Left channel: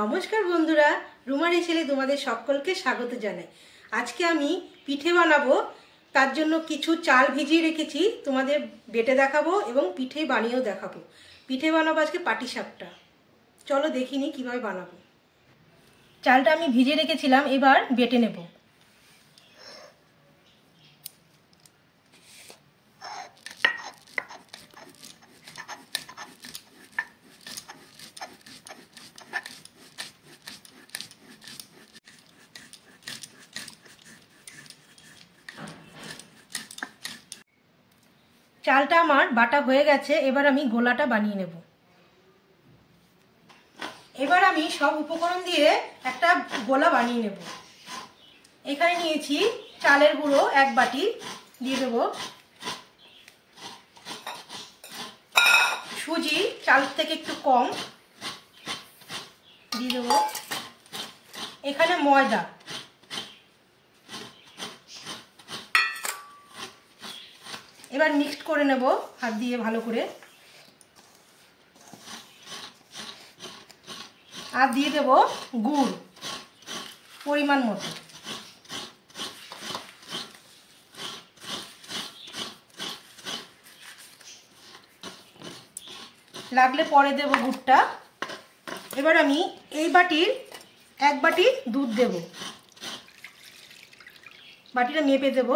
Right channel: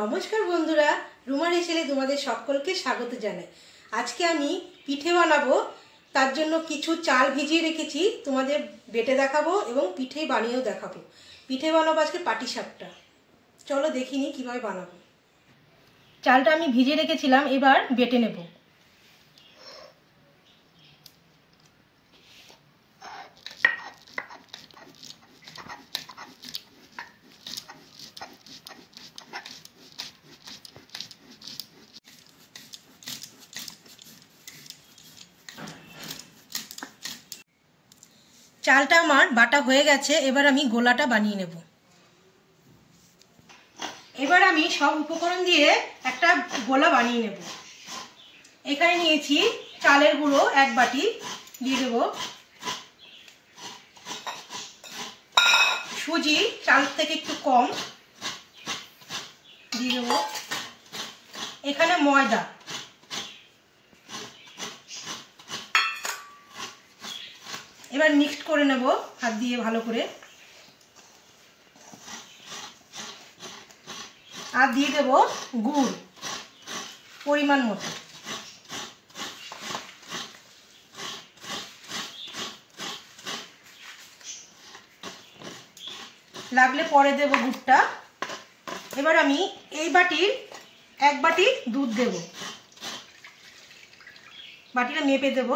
নমস্কার বন্ধুরা, রুমার হেসেলে তোমাদের সকলকে স্বাগত জানাই। আজকে আমি পিঠে বানাবো, তার জন্য কিছু চাল ভিজিয়ে রেখেছি, তোমাদের বেটে দেখাবো এবং পিঠে বানিয়েও দেখাবো। পিঠে বানাবো আজকে পাটিসাপটা। চলো দেখিনি কিভাবে বানাবো। চালটা আমি ভিজিয়ে রেখেছিলাম, এবার বেটে নেব। চালটা আমার বাটা হয়ে গেছে, এবার আমি গোলাটা বানিয়ে নেব। এবার আমি সব উপকরণ দিয়ে একটা গোলা বানিয়ে নেব। এখানে নিয়েছি চালের গুঁড়ো 1 বাটি, দিয়ে দেব সুজি চাল থেকে একটু কম, দিয়ে দেব এখানে ময়দা, এবার মিক্সড করে নেব হাত দিয়ে ভালো করে। আর দিয়ে দেব গুড় পরিমাণ মতো। লাগলে পরে দেব গুড়টা। এবার আমি এই বাটির 1 বাটি দুধ দেব, বাটিটা মেপে দেব।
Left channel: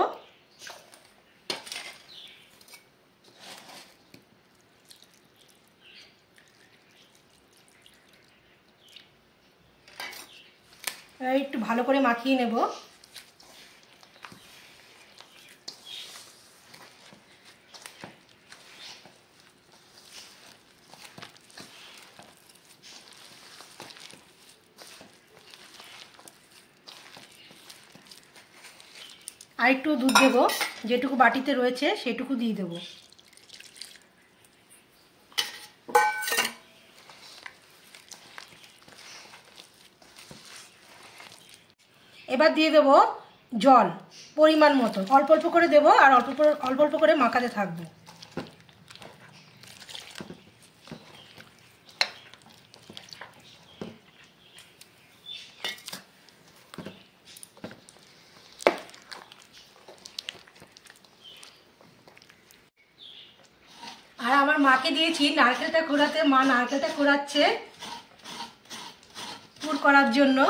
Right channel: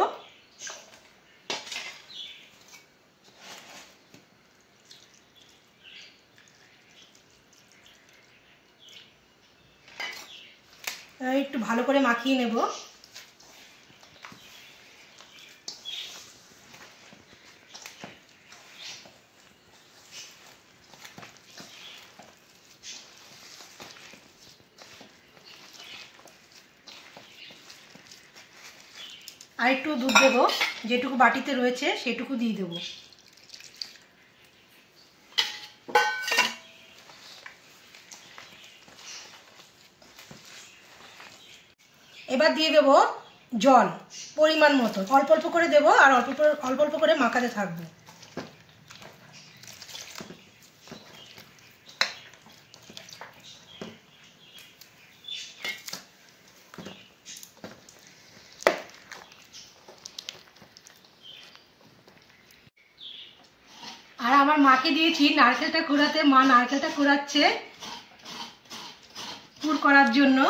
একটু ভালো করে মাখিয়ে নেব। আর একটু দুধ দেব, যেটুকু বাটিতে রয়েছে সেটুকু দিয়ে দেব। এবার দিয়ে দেব জল পরিমাণ মতো, অল্প অল্প করে দেব আর অল্প অল্প করে মাখাতে থাকবো। আর আমার মাকে দিয়েছি নারকেলটা কোড়াতে, মা নারকেলটা কোড়াচ্ছে পুর করার জন্য।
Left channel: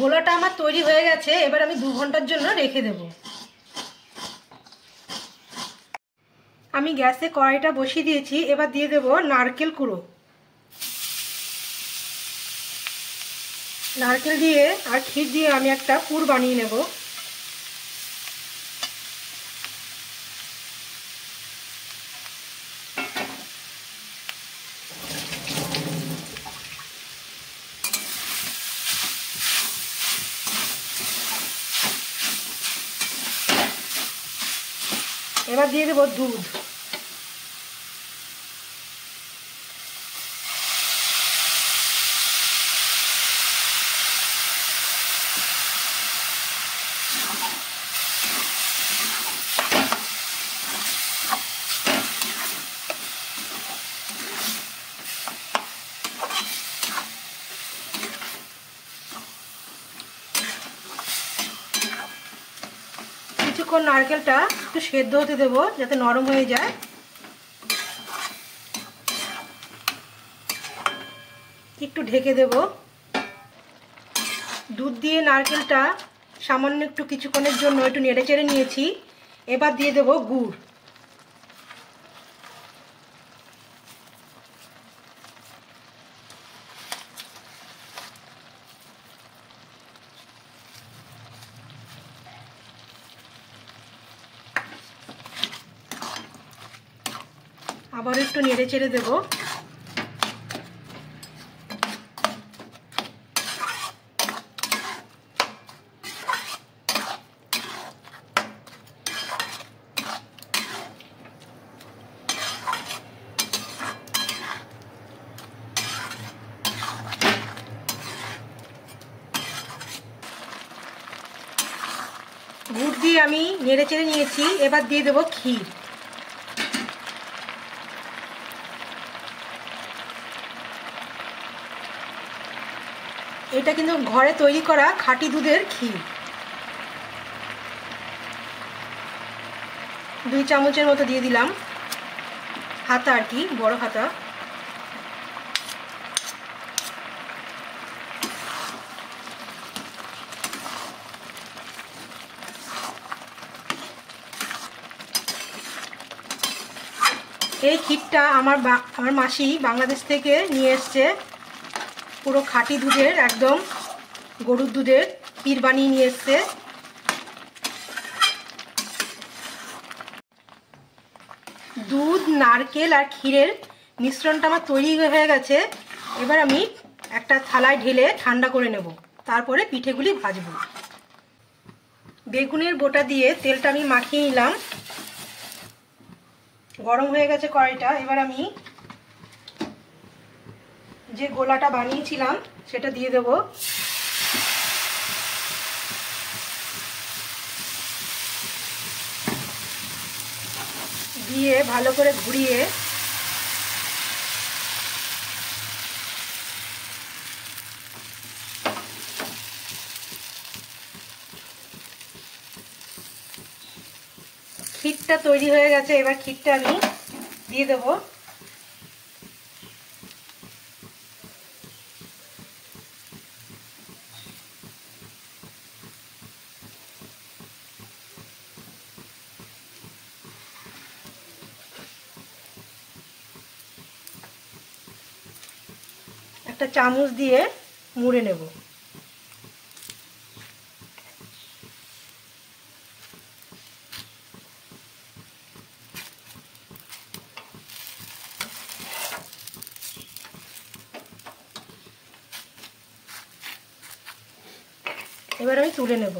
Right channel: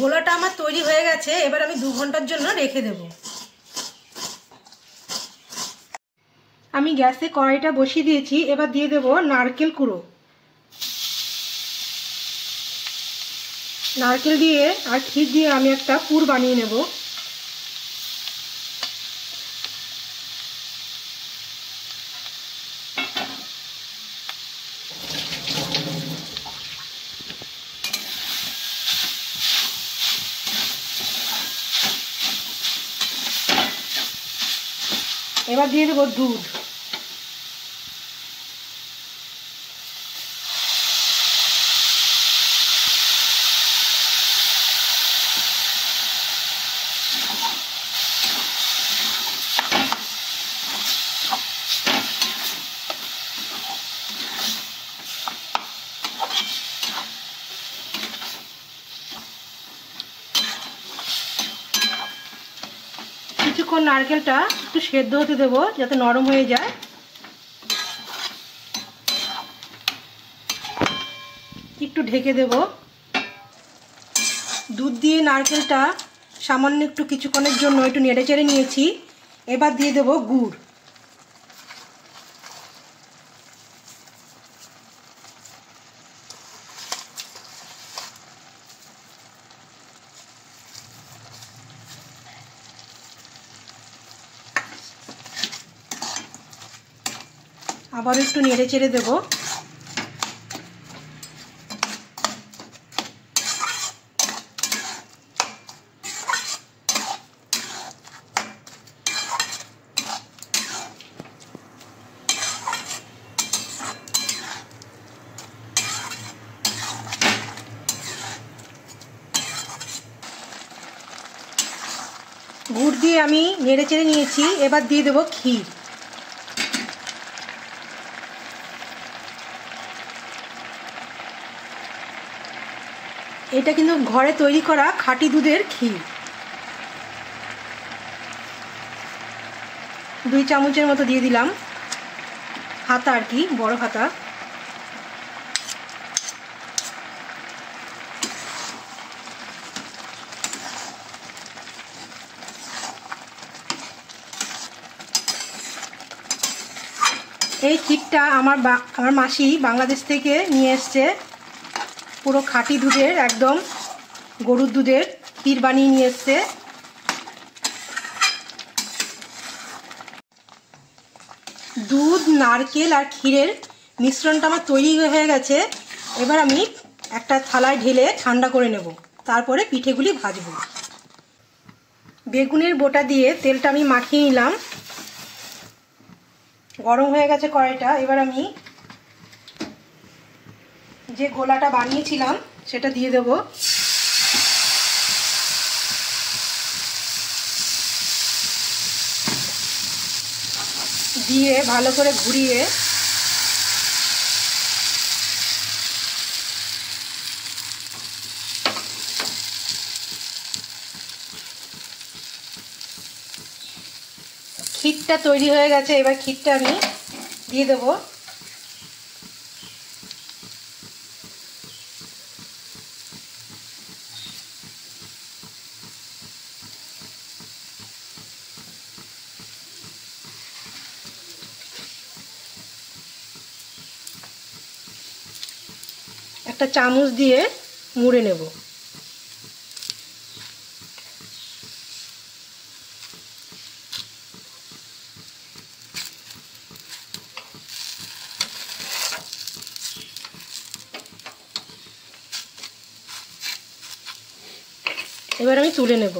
গোলাটা আমার তৈরি হয়ে গেছে, এবার আমি 2 ঘন্টার জন্য রেখে দেব। আমি গ্যাসে কড়াইটা বসিয়ে দিয়েছি, এবার দিয়ে দেব নারকেল কুড়ো। নারকেল দিয়ে আর ক্ষীর দিয়ে আমি একটা পুর বানিয়ে নেব। এবার দিয়ে দেব দুধ। কিছুক্ষণ নারকেলটা একটু সেদ্ধ হতে দেব যাতে নরম হয়ে যায়। একটু ঢেকে দেব। দুধ দিয়ে নারকেলটা সামান্য একটু কিছুক্ষণের জন্য একটু নেড়ে চেড়ে নিয়েছি। এবার দিয়ে দেব গুড়। আবার একটু নেড়ে চেড়ে দেব। গুড় দিয়ে আমি নেড়ে চেড়ে নিয়েছি। এবার দিয়ে দেবো ক্ষীর। এটা কিন্তু ঘরে তৈরি করা খাঁটি দুধের ক্ষীর। 2 চামচের মতো দিয়ে দিলাম, হাতা আর কি, বড় হাতা। এই ক্ষীরটা আমার মাসি বাংলাদেশ থেকে নিয়ে এসছে। পুরো খাঁটি দুধের, একদম গরুর দুধের ক্ষীর বানিয়ে নিয়ে এসছে। দুধ, নারকেল আর ক্ষীরের মিশ্রণটা আমার তৈরি হয়ে গেছে। এবার আমি একটা থালায় ঢেলে ঠান্ডা করে নেব, তারপরে পিঠেগুলি ভাজবো। বেগুনের বোটা দিয়ে তেলটা আমি মাখিয়ে নিলাম। গরম হয়ে গেছে কড়াইটা। এবার আমি যে গোলাটা বানিয়েছিলাম সেটা দিয়ে দেব। দিয়ে ভালো করে ঘুরিয়ে ক্ষীরটা তৈরি হয়ে গেছে। এবার ক্ষীরটা আমি দিয়ে দেব। একটা চামচ দিয়ে মুড়ে নেব। এবার আমি তুলে নেব।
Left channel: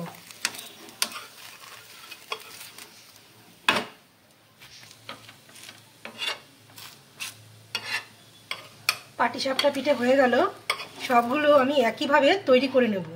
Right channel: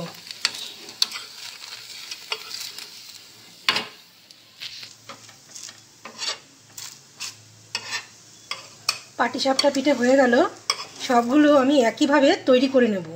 পাটিসাপটা পিঠে হয়ে গেল। সবগুলো আমি একইভাবে তৈরি করে নেব।